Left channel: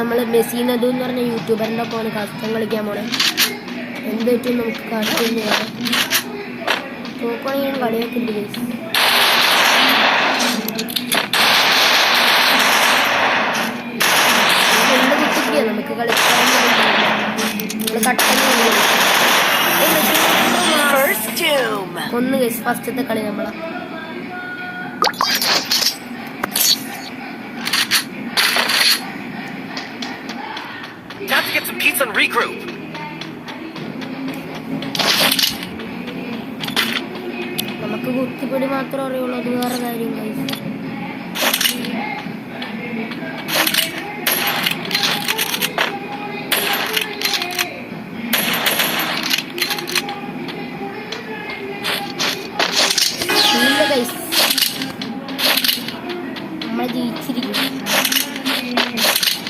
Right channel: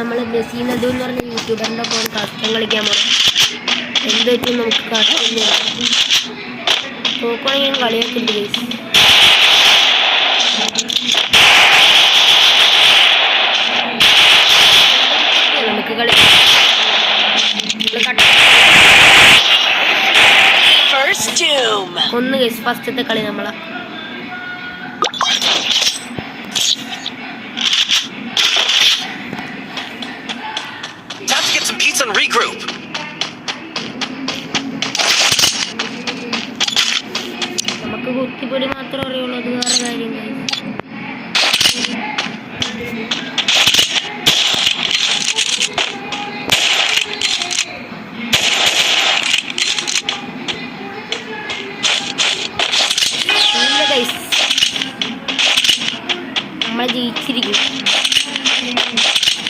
നമ്മൾ മെസ്സിനതു എന്ന് പറഞ്ഞ യൂട്യൂബറിൻ്റെ ഒപ്പം കസ്റ്റം കളിക്കാൻ പോണേ. എന്ത് പറ്റും നമുക്ക് കഷ്ടമില്ല. നോക്കുവാണെങ്കിൽ ഞാൻ കളിയൊക്കെ ഉണ്ട്. നമുക്ക് കളിക്കാൻ ഒന്ന് ഗൈസ് ഫസ്റ്റത്തെ കളി നമ്മളാ. നമുക്ക് കുത്തിപ്പൊടി മാത്രമേ അറിയുള്ളൂ, അത് വേറെ കാര്യം ഗൈസ്.